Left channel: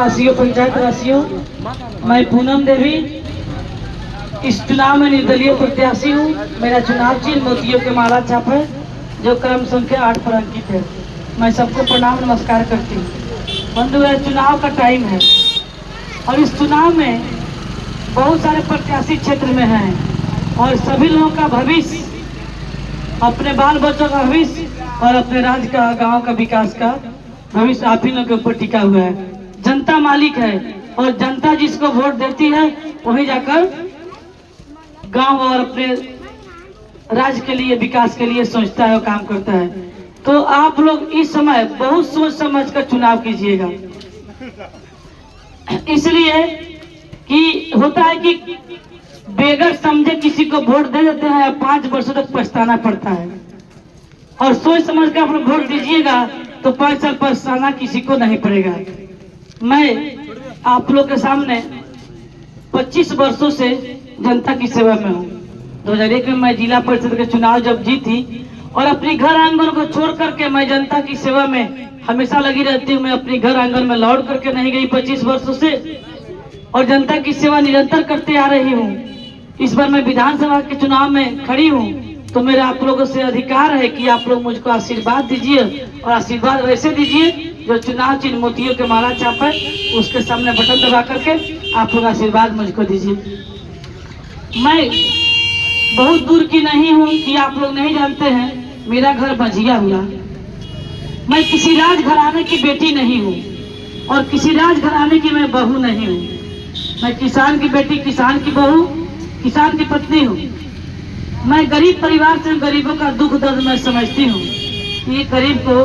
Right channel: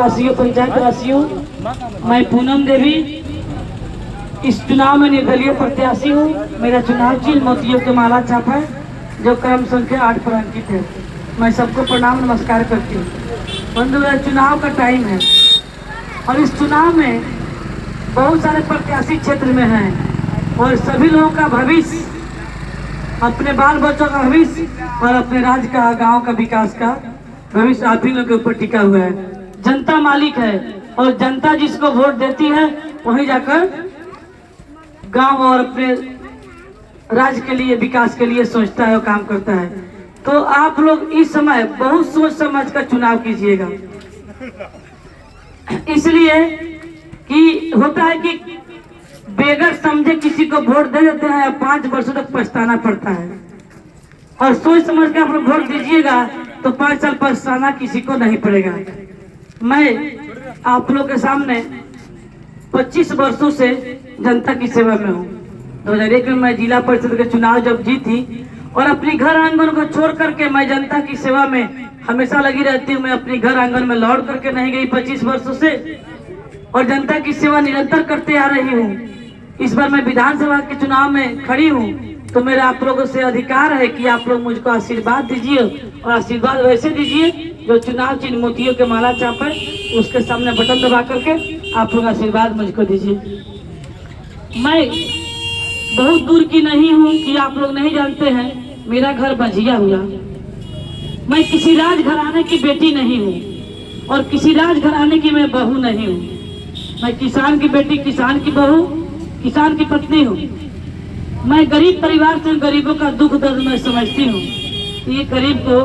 वासियों, पंचायत वासियों, मैं पूनम देवी इस चुनाव में निर्दलीय प्रत्याशी हूँ। मेरा चुनाव चिन्ह मोतियों के माला छाप है जो क्रम संख्या 8 पर अंकित है। मैं सबको प्रणाम नमस्कार करती हूँ। बंधु, चुनाव का टाइम है और इस चुनाव में बहुत सारे प्रत्याशी क्षेत्र में हैं और सभी लोगों का भविष्य, अपने बाल बच्चों का भविष्य और अपने राज्य का, गांव का विकास का भविष्य आप ही लोगों के ऊपर टिका हुआ है। जनता मालिक है और जनता जिसको वोट देती है वहीं जाकर गांव और अपने राज्य के लिए, विकास के लिए सोचता है और काम करता है। तो आप लोग इस समय बहुत सोच समझ कर चुनाव कीजिएगा, इसलिए कि होता है कि बेगर समझे किसी को वोट दे देते हैं और 5 वर्षों तक पछताना पड़ता है। और सोच समझ कर आप लोग वोट दीजिएगा तो 5 साल पछताना किसी को नहीं पड़ेगा। मैं आप लोग के सामने 25 वर्षों से जनता की सेवा में हूँ। 2001 में मैं जिला परिषद के चुनाव जब जीती और अपनी घर आंगन को छोड़ करके मैं जनता की सेवा में हमेशा लगी रहती हूँ। मैं अपनी घर आंगन में लौट करके नहीं गई 25 वर्षों से और जनता की सेवा निरंतर करते आ रही हूँ। इस बार मैं विधानसभा के चुनाव में खड़ी हूँ तो मेरा आप लोगों से अधिकार है कि आप लोग मुझको आशीर्वाद दीजिए और आशीर्वाद वैसे दीजिए जो चुनाव चिन्ह मोतियों के माला छाप है उसके सामने बटन दबा करके आप लोग आशीर्वाद मुझको दीजिए। मैं बहुत दूर की नहीं हूँ कि आप लोग नहीं जानते हैं, मेरा घर बंजिया हुआ। मैं किसी राजघराने की बेटी नहीं हूँ और किसी राजघराने की मैं बहू नहीं हूँ। मैं किसान की बेटी, किसान की बहू, किसान की पत्नी हूँ। मैं गरीब परिवार से, गरीबों का दुख दर्द मैं समझती हूँ कि ये गरीब को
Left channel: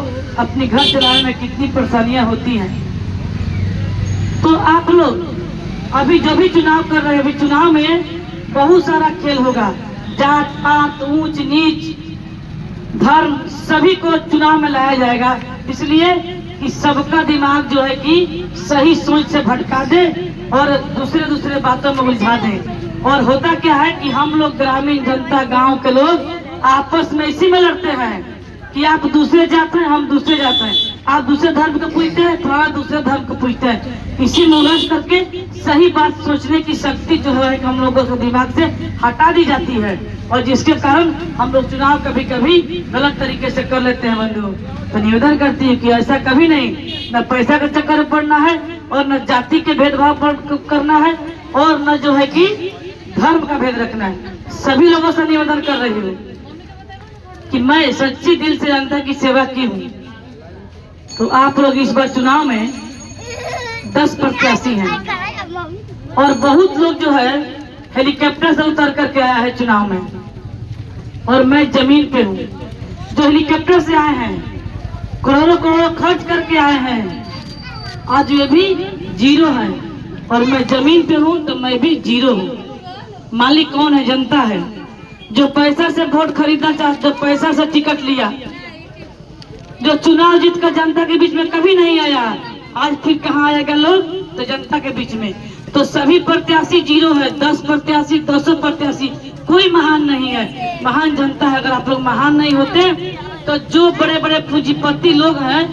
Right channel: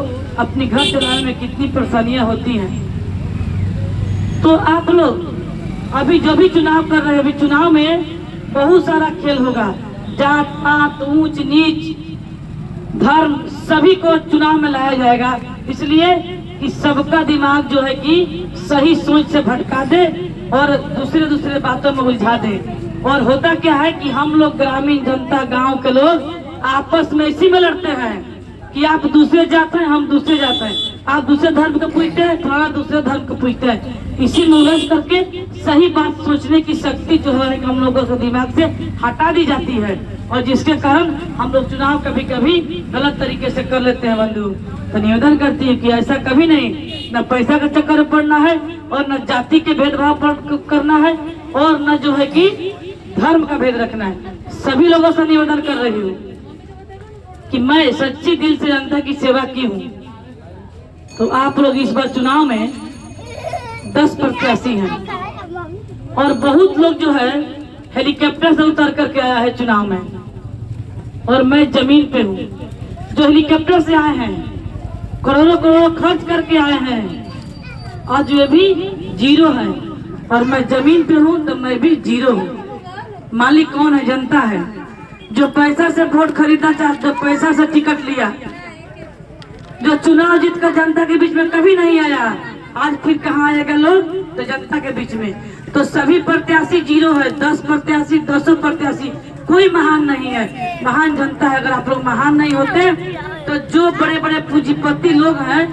अपनी घर चलाने में कितनी परेशानियां होती हैं। तो आप लोग अभी जो भी चुनाव कर रहे हैं, अभी चुनाव में बहुत सारा खेल होगा। जात पात, ऊंच नीच, धर्म, सभी को चुनाव में लाया जाएगा, इसलिए कि सबका दिमाग जो है कि सही सोच से भटका दे और दूसरे बातों में उलझा दे। और होता क्या है कि हम लोग ग्रामीण जनता, गांव के लोग आपस में इसी में लड़ते हैं कि आप दूसरे जाते हैं, हम दूसरे जाते हैं, आप दूसरे धर्म को पूछते हैं, थोड़ा दूसरे धर्म को पूछते हैं। इसी में उलझ करके सही बात सोचने की शक्ति जो है हम लोगों के दिमाग से हटा दी जाती है और जिसके कारण हम लोग चुनाव कभी कभी गलत तरीके से कर लेते हैं। बंधु, तो निवेदन करती है कि ऐसा कभी नहीं, न पैसा के चक्कर में पड़ना है और न जाति के भेदभाव पर करना है और न जो है कि धर्म का भेद रखना है। सभी लोगों से निवेदन कर रही हूँ कि मैं सच्ची दिल से जनता की सेवा की हूँ। तो आप लोग इस बार चुनाव में 10 प्रत्याशी हैं और बहुत लोग जो है हेलीकॉप्टर से उतर करके आया है चुनाव में और मैं जमीन पे हूँ। जो हेलीकॉप्टर से आए हैं, करोड़ों करोड़ों खर्च करके आए हैं, आज ये भी जीरो है और मैं जमीन पे हूँ तो मैं भी जीरो हूँ। मालिक कौन है? जनता है। जो पैसा से वोट खरीदना चाहता, जो पैसा से टिकट लिया, जो चुनाव जीत कर जनता के बीच में कभी नहीं आया, आज फिर कहाँ आएगा लोग? तो जनता के बीच में। तो सभी प्रत्याशी जीरो है। 10 प्रत्याशी, 200 प्रत्याशी, कोई महान नहीं है। महान जनता है। अगर आप लोग महान नहीं होते तो जो बड़े बड़े पूंजीपति लोग हैं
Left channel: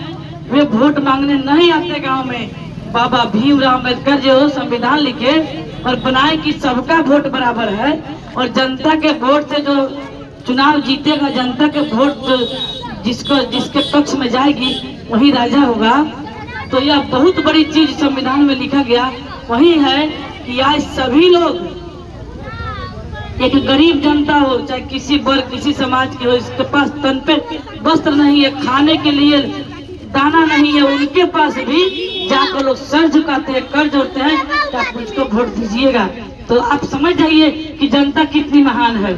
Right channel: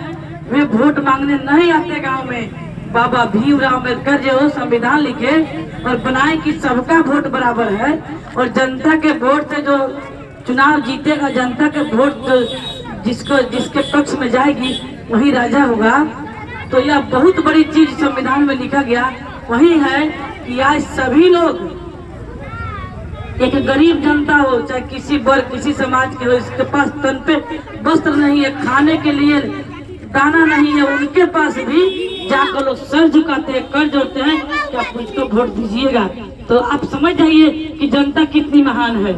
वे वोट मांगने नहीं आते गांव में। बाबा भीमराव अम्बेडकर जो संविधान लिखे और बनाए कि सबका वोट बराबर है और जनता के वोट से जो चुनाव जीतेगा, जनता के वोट जिसके पक्ष में जाएगी वही राजा होगा। तो यह बहुत बड़ी चीज संविधान में लिखा गया वही है कि आज सभी लोग, एक गरीब जनता हो चाहे किसी वर्ग, किसी समाज की हो, इसके पास तन पे वस्त्र नहीं है, खाने के लिए दाना नहीं है, उनके पास भी जाकर लोग सर झुकाते हैं, कर जोड़ते हैं कि आप मुझको वोट दीजिएगा। तो आप समझ जाइए कि जनता कितनी महान है।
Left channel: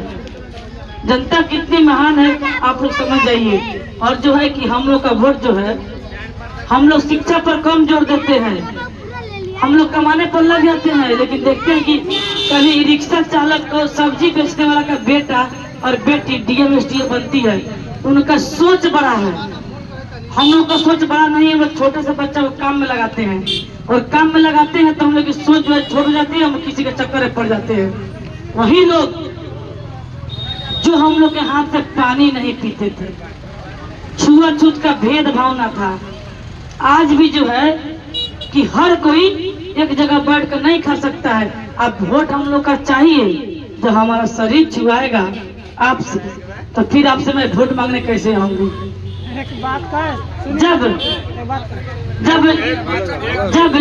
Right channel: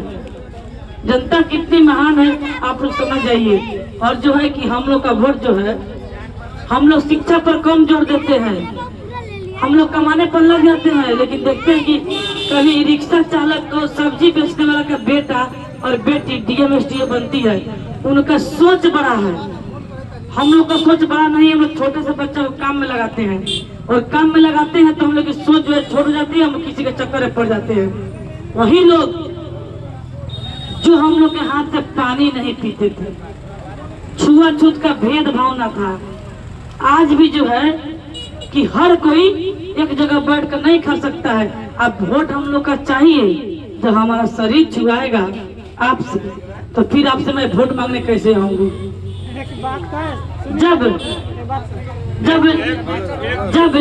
जनता कितनी महान है आप लोग समझ जाइए। और जो है कि हम लोग का वोट जो है, हम लोग शिक्षा पर कम जोर देते हैं, हम लोग कमाने पर लग जाते हैं, लेकिन देखते हैं कि कभी रिक्शा चालक को, सब्जी बेचने वाला का बेटा और बेटी डीएम एसडीओ बनती है। उनका सोच बड़ा है, हम लोग का सोच बड़ा नहीं है। हम लोग छोटे से बच्चा को काम में लगाते हैं और काम में लगाते हैं तो हम लोग की सोच जो है छोड़ जाती है, हम किसी के चक्कर में पड़ जाते हैं। वही लोग जो हम लोग के हाथ से पानी नहीं पीते थे, छुआछूत का भेदभाव ना था, आज भी जो है कि हर कोई एक जगह बैठ कर नहीं खा सकता है। अब वोट हम लोग का चाहिए, जो हमारा शरीर छुआएगा आपसे, तो फिर आपसे मैं वोट मांगने कैसे आऊंगी? जब जब जब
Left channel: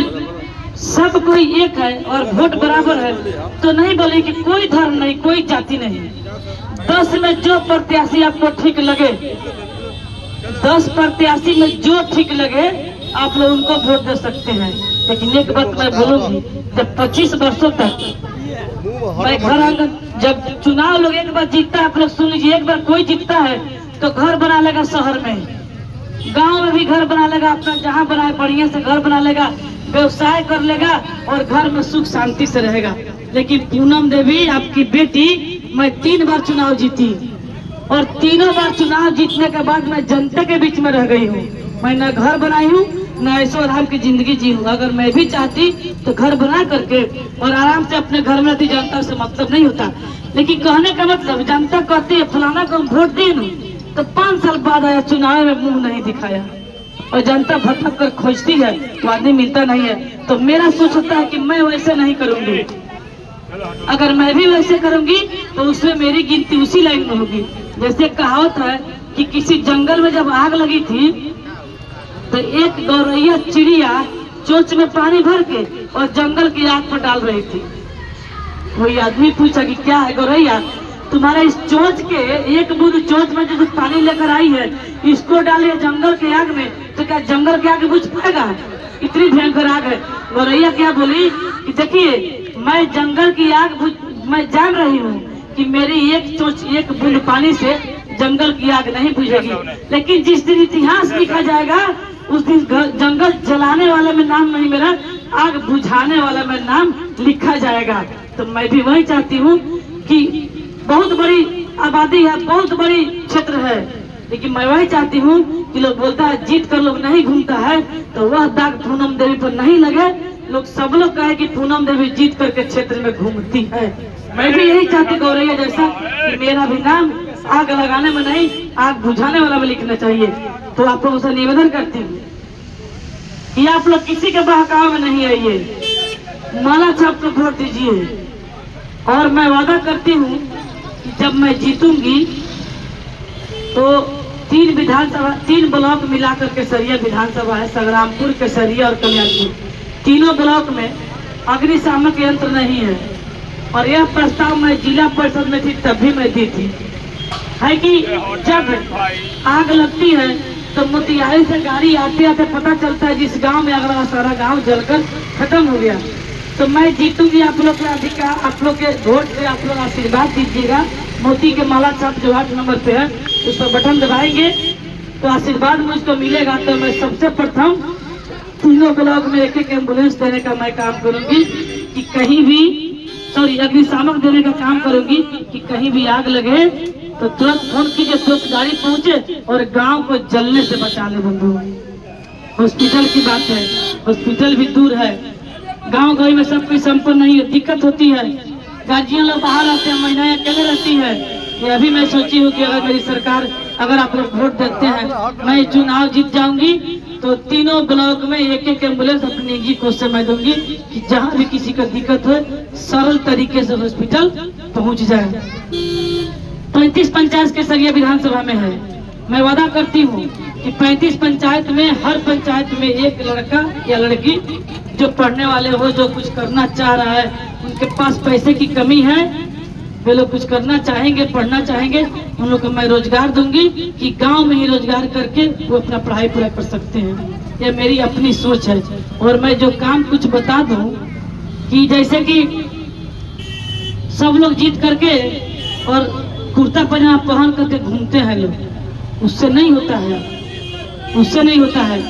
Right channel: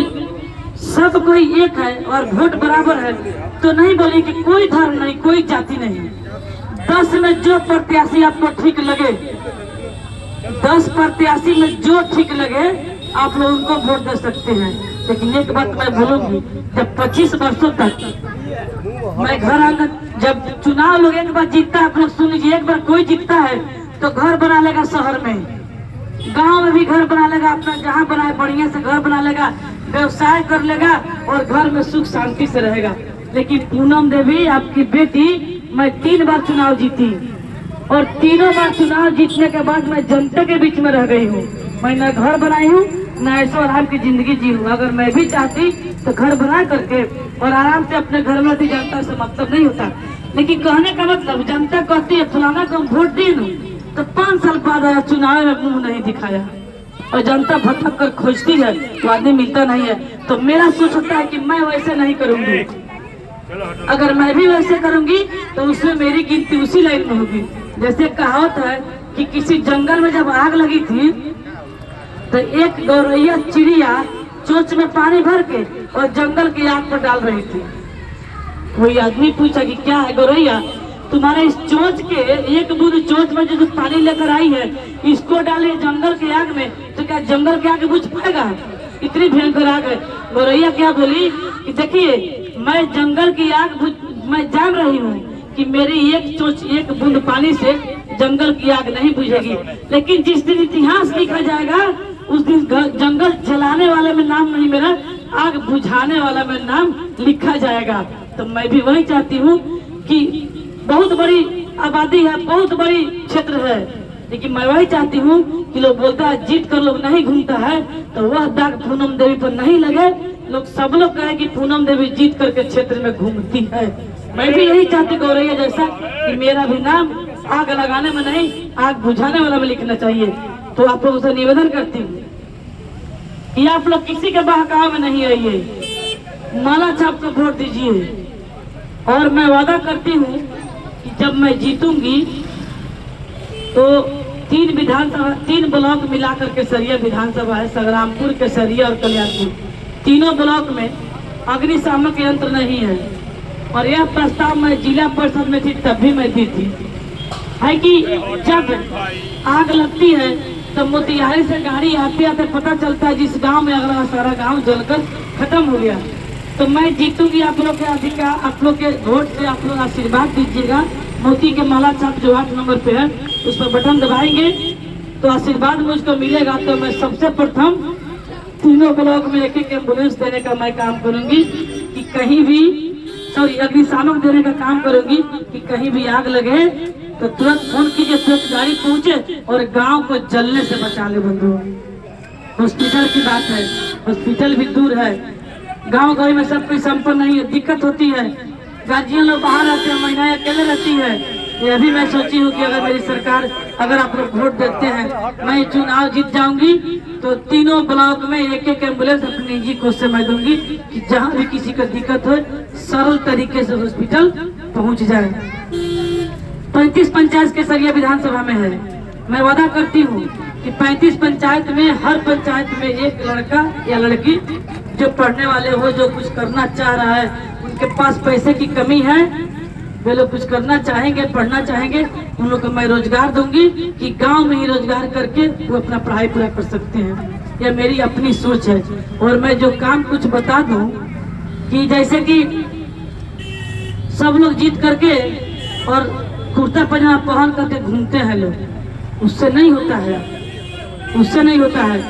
सब कोई एक है और वोट बराबर है, तो नहीं बोले कि कोई धर्म नहीं, कोई जाति नहीं। 10 में जो प्रत्याशी आपको ठीक लगे, 10 प्रत्याशी में जो ठीक लगे, आप लोग उनको वोट दे सकते हैं। लेकिन एक बात मैं बोलूंगी, जब 25 वर्षों तक मैं घर आकर, जब चुनाव लोग एक बार जीतता है, आप लोग सुन लीजिए, एक बार कोई जीतता है तो घर बना लेगा, शहर में, गांव में भी घर बना लेगा, अपना जहाँ बनाए बढ़िया से घर बना लेगा, व्यवसाय कर लेगा और घर में सुख शांति से रहेगा। लेकिन पूनम देवी आपकी बेटी, मैं 3 बार चुनाव जीती और तीनों बार चुनाव जीतने के बाद मैं जनता के बीच में रह गई हूँ। मैं न घर बनाई हूँ, न ऐशो आराम की जिंदगी जी हूँ। अगर मैं भी चाहती तो घर बना करके और आराम से अपने घर में रहती, जनता से मतलब नहीं होता। लेकिन कहने का मतलब, जनता कहती है फलाना को वोट दी न, तो 5 साल बाद आया, चुनाव में मुंह नहीं दिखाया और जनता भटक कर खोजती है तो आदमी मिलता नहीं है। तो मेरा सोचता है कि मैं वैसे नहीं करूंगी। अगर मैं भी वैसे करूंगी तो उसमें मेरी गिनती उसी लाइन में होगी। जैसे कहावत है कि किसी जंगल में जब आग लगी थी तो एक गौरैया चिड़िया चोंच में पानी भर के और जंगल की आग पर डाल रही थी। वही आदमी पूछा कि क्या है गौरैया, तुम्हारे इस चोंच के एक बूंद चोंच में जो पानी लेकर आई है, इसको डाले जंगल के आग में, तो क्या जंगल के आग बुझ पाएगा? इतनी भयंकर आग है। गौरैया क्या बोली कि देखिए, मैं जंगल की आग मैं जान रही हूँ कि मेरी एक चोंच, एक बूंद पानी से जंगल की आग नहीं बुझेगी, लेकिन जिस दिन इतिहास लिखा जाएगा उस दिन जंगल जलाने वाले में नाम नहीं मेरा, आग बुझाने वाला में नाम लिखा जाएगा। तो मैं भी वही चाहती हूँ कि बहुत बड़ी आबादी है, बहुत बड़ी क्षेत्र है, लेकिन मैं वही चाहती हूँ कि लोग बोलता है जीत कर लोग नहीं घूमता है, तो वह दाग पूनम देवी पर नहीं लगे। लोग सब लोग कहे कि पूनम देवी जीत करके क्षेत्र में घूमती है। मैं भी यही चाहती गौरैया जैसा कि मेरा भी नाम आग लगाने में नहीं, आग बुझाने वाला में लिखना चाहिए। तो आप लोगों से निवेदन करती हूँ कि आप लोग किसी के बहकावे में नहीं आइए, माला छाप कर वोट दीजिए। और मैं वादा करती हूँ कि जब मैं जीतूंगी तो 3 विधानसभा, 3 ब्लॉक मिलाकर के सरिया विधानसभा है, संग्रामपुर, केसरिया और कल्याणपुर, तीनों ब्लॉक में अग्निशामक यंत्र नहीं है। और यह प्रस्ताव मैं जिला परिषद में थी तब भी मैं दी थी, है कि जब आग लगती है तो मोतिहारी से गाड़ी आते आते पता चलता है जिस गांव में अगला सारा गांव जलकर खत्म हो गया। तो मैं जीतूंगी, आप लोग के अधिकार, आप लोग के वोट से आप लोग आशीर्वाद दीजिएगा। मोती के माला छाप जो 8 नंबर पे है उस पर बटन दबाएंगे तो आशीर्वाद मुझको मिलेगा। तो मैं सबसे प्रथम तीनों ब्लॉक में एक एम्बुलेंस देने का मैं काम करूंगी कि कहीं भी, सॉरी, अग्निशामक देने का काम करूंगी कि कहीं भी आग लगे तो तुरंत फोन कीजिए, तुरंत गाड़ी पहुंचे और गांव को जलने से बचा ले। बंधु, हॉस्पिटल की बात है, हॉस्पिटल भी दूर है, गांव गली में सब कोई संपन्न नहीं है, दिक्कत होती है। गार्जियन लोग बाहर आते हैं, महिलाएं अकेले रहती है। ये अभी मैं सोची हूँ कि अगर मेरी सरकार, अगर आप लोग वोट देते हैं, मैं चुनाव जीत जाऊंगी तो तीनों ब्लॉक में एक एम्बुलेंस अपनी निजी कोष से मैं दूंगी कि जहाँ भी किसी को दिक्कत हो सरल तरीके से हॉस्पिटल पहुँच जाए। 35 पंचायत केसरिया विधानसभा में है। मैं वादा करती हूँ कि 35 पंचायत में, हर पंचायत में एक लड़का या लड़की जो पढ़ने वाले हो, जो कुछ करना चाह रहा है, उनके पास पैसे की कमी है, वे लोग कुछ करना चाहेंगे, पढ़ना चाहेंगे, उन लोग को मैं रोजगार दूंगी कि गांव में ही रोजगार करके वो अपना पढ़ाई पूरा कर सकते हैं। यह मेरी अपनी सोच है। और मैं जो काम कुछ बता दूं कि जैसे कि सब लोग जीत करके और कुर्ता पजामा पहन करके घूमते हैं लोग, उससे नहीं होता है, उससे नहीं होता है।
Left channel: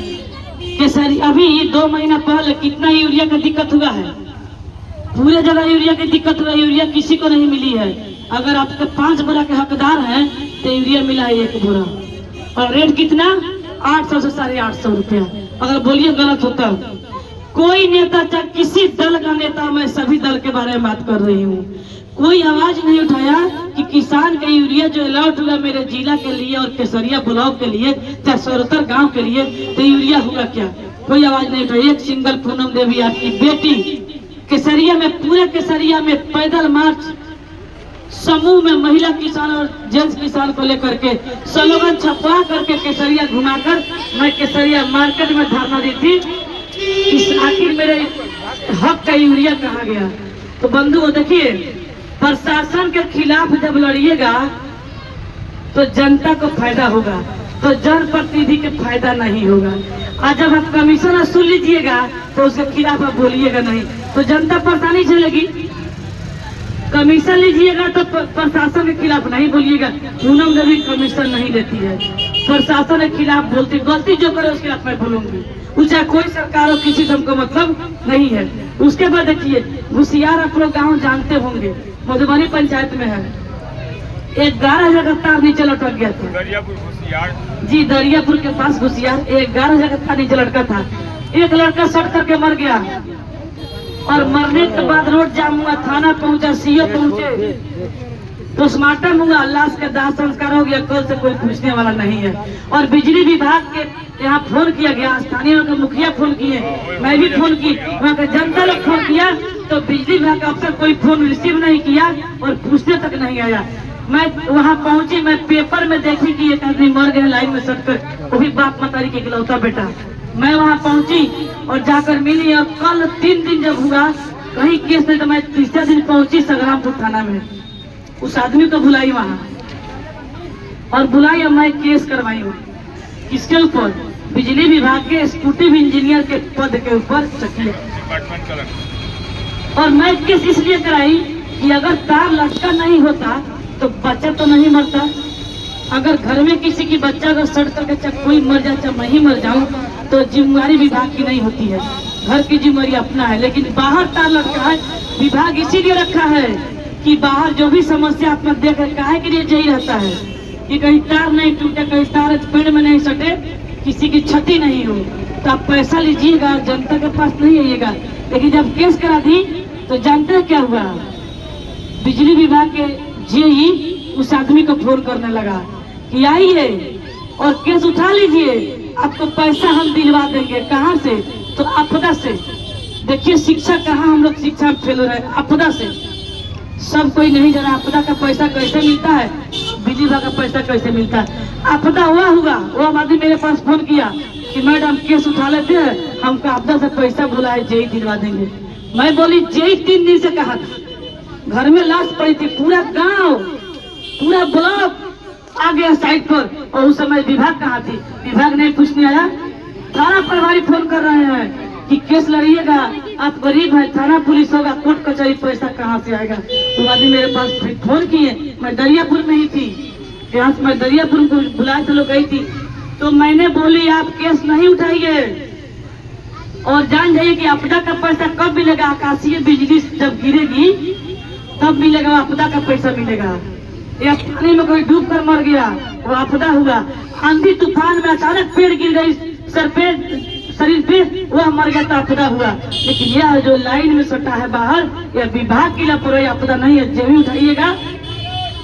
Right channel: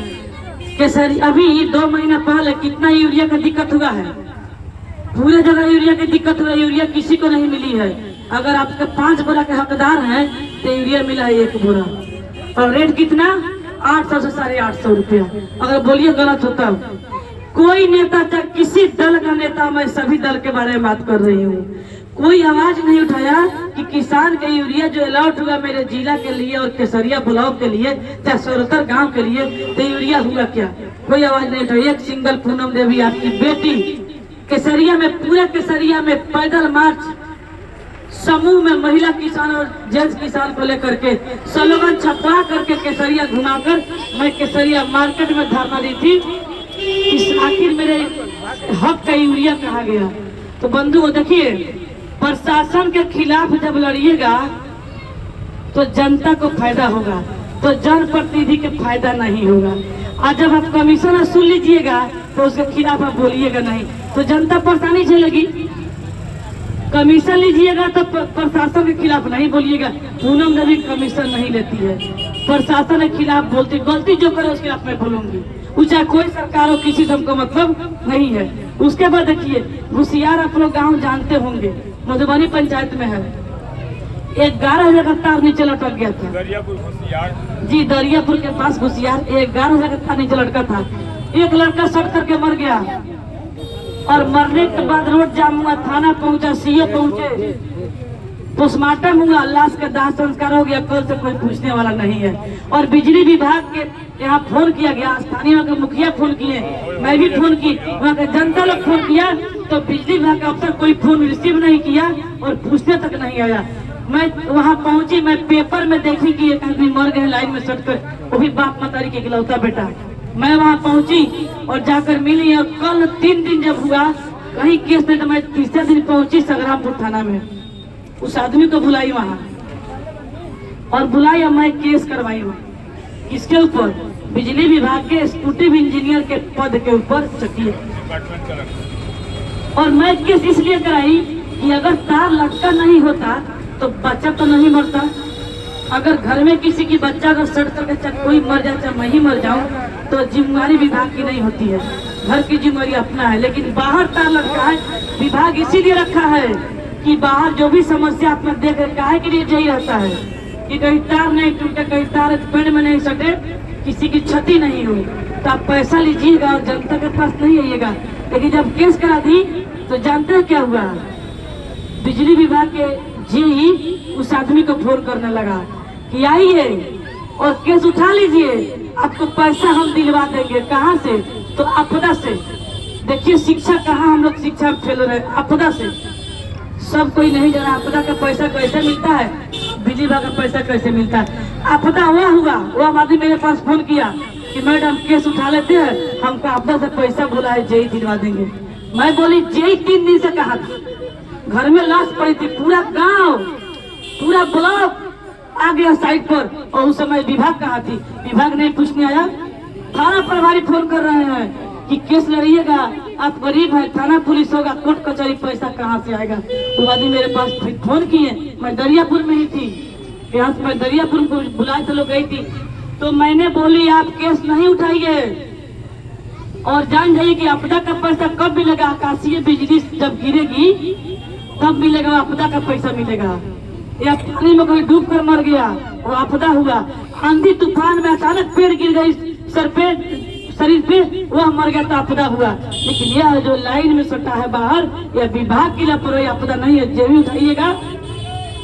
केसरी अभी 2 महीना पहले कितना यूरिया का दिक्कत हुआ है, पूरे जगह यूरिया की दिक्कत हुआ, यूरिया किसी को नहीं मिली है। अगर आपके 5 बोरा के हकदार हैं तो यूरिया मिला है 1 बोरा, और रेट कितना, 800 से 850 रुपया। अगर बोलिए गलत होता, कोई नेता, चाहे किसी दल का नेता, मैं सभी दल के बारे में बात कर रही हूँ, कोई आवाज नहीं उठाया कि किसान का यूरिया जो अलॉट हुआ मेरे जिला के लिए और केसरिया ब्लॉक के लिए, चाहे सोरतर गांव के लिए, तो यूरिया हुआ क्या? कोई आवाज नहीं उठाई। एक सिंगल पूनम देवी आपकी बेटी केसरिया में, पूरे केसरिया में पैदल मार्च समूह में महिला किसान और जेंट्स किसान को लेकर के स्लोगन छपवा करके केसरिया घुमाकर मैं केसरिया मार्केट में धरना दी थी कि आखिर मेरे हक का यूरिया कहा गया। तो बंधुओं देखिए, प्रशासन के खिलाफ जब लड़िएगा तो जनता को फायदा होगा, तो जनप्रतिनिधि के फायदा नहीं होगा। आज जब आप कमीशन वसूल लीजिएगा तो उसके खिलाफ आप बोलिएगा नहीं, तो जनता परेशानी झेलेगी। कमीशन लीजिएगा तो प्रशासन के खिलाफ नहीं बोलिएगा। पूनम देवी कमीशन नहीं लेती है, प्रशासन के खिलाफ बोलती, गलती जो करे उसके खिलाफ मैं बोलूंगी, वो चाहे कोई सरकार हो, किसी से हमको मतलब नहीं है। उसके बाद देखिए, घुसियार आप लोग गाँव जानते होंगे, मधुबनी पंचायत में है, 11,000 का तार नीचे लटक गया था। दरियापुर घुसियार जी, दरियापुर के पास घुसियार 11,000 का तार नीचे लटका था। एक लड़का सट करके मर गया और मरने के बाद रोड जाम हुआ, थाना पहुंचा, सीओ पहुंचे, पोस्टमार्टम हुआ, लाश का दाह संस्कार हो गया, कल से कोई पूछने वाला नहीं है। और बिजली विभाग के यहाँ फोन किया गया, स्थानीय मुखिया फोन किए, मैं भी फोन की, वहाँ का जनता लोग फोन किया, तो बिजली विभाग का अफसर कोई फोन रिसीव नहीं किया और पूछने तक नहीं आया। मैं वहाँ पहुंची, मैं पेपर में देखी कि एक आदमी मर गया लाइन में सट कर, वो भी बाप मतारी के इकलौता बेटा। मैं वहाँ पहुंची और जाकर मिली, और कल 3 दिन जब हुआ कहीं केस नहीं, तो मैं तीसरा दिन पहुंची संग्रामपुर थाना में, उस आदमी को बुलाई वहाँ और बुलाई और मैं केस करवाई हूँ। किसके ऊपर? बिजली विभाग के एक्जीक्यूटिव इंजीनियर के पद के ऊपर चकिया। और मैं केस इसलिए कराई कि अगर तार लटका नहीं होता तो बच्चा तो नहीं मरता। अगर घर में किसी की बच्चा अगर सड़ करके चाहे कोई मर जाए चाहे मैं ही मर जाऊं तो जिम्मेवारी विभाग की नहीं होती है, घर की जिम्मेवारी अपना है। लेकिन बाहर तार लटका है, विभाग इसीलिए रखा है कि बाहर जो भी समस्या अपना देख काहे के लिए यही रहता है कि कहीं तार नहीं टूटे, कहीं तार पेड़ में नहीं सटे, किसी की क्षति नहीं हो। तो आप पैसा लीजिएगा, जनता के पास नहीं आइएगा। लेकिन जब केस करा दी तो जानते हैं क्या हुआ? बिजली विभाग के जेई उस आदमी को फोन करने लगा कि आइए और केस उठा लीजिए, आपको पैसा हम दिलवा देंगे। कहाँ से? तो आपदा से। देखिए शिक्षा कहाँ हम लोग शिक्षा फैल रहे, आपदा से। सब कोई नहीं जाना आपदा का पैसा कैसे मिलता है, बिजली विभाग का पैसा कैसे मिलता है। आपदा हुआ वो आदमी मेरे पास फोन किया कि मैडम केस उठा लेते हैं, हमको आपदा से पैसा बुलाए, जेई दिलवा देंगे। मैं बोली जेई 3 दिन से कहा था, घर में लाश पड़ी थी, पूरा गांव पूरा ब्लॉक आ गया साइड पर, और उस समय विभाग कहाँ थी? विभाग नहीं पूछने आया। थाना प्रभारी फोन कर रहे हैं कि केस लड़िएगा, आप गरीब हैं, थाना पुलिस होगा, कोर्ट कचहरी, पैसा कहाँ से आएगा? तो आदमी मेरे पास फोन किए, मैं दरियापुर में ही थी, यहाँ से मैं दरियापुर को बुलाए तो लोग गई थी। तो मैंने बोली आप केस नहीं उठाइए और जान जाइए कि आपदा का पैसा कब मिलेगा, आकाशीय बिजली जब गिरेगी तब मिलेगा, आपदा का पैसा मिलेगा। या पानी में कोई डूब कर मर गया, वो आपदा हुआ। आंधी तूफान में अचानक पेड़ गिर गई सर पे, शरीर पे, वह मर गया तो आपदा हुआ। लेकिन यह जो लाइन में सटा है बाहर, यह विभाग की लापरवाही, आपदा नहीं है। जब भी उठाइएगा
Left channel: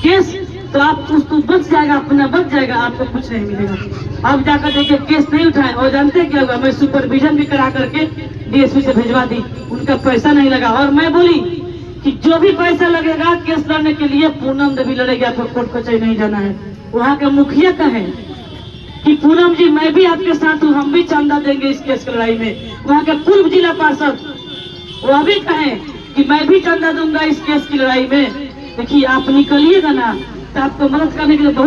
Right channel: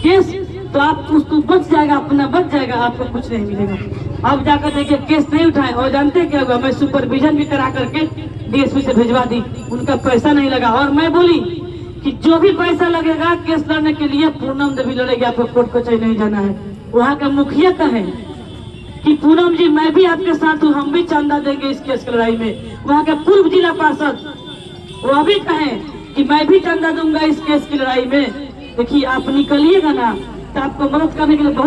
केस तो आप उसको बच जाएगा, अपना बच जाएगा, आपको कुछ नहीं मिलेगा। अब जाकर देखिए केस नहीं उठाए, और जानते क्या हुआ? मैं सुपरविजन भी करा करके डीएसपी से भेजवा दी, उनका पैसा नहीं लगा। और मैं बोली कि जो भी पैसा लगेगा केस लड़ने के लिए पूनम देवी लड़ेगी, आपको कोर्ट कचहरी नहीं जाना है। वहाँ के मुखिया कहे कि पूनम जी मैं भी आपके साथ हूँ, हम भी चंदा देंगे इस केस की लड़ाई में। वहाँ के पूर्व जिला पार्षद वो भी कहे कि मैं भी चंदा दूंगा इस केस की लड़ाई में। देखिए आप निकलिएगा ना तो आपको मदद करने के लिए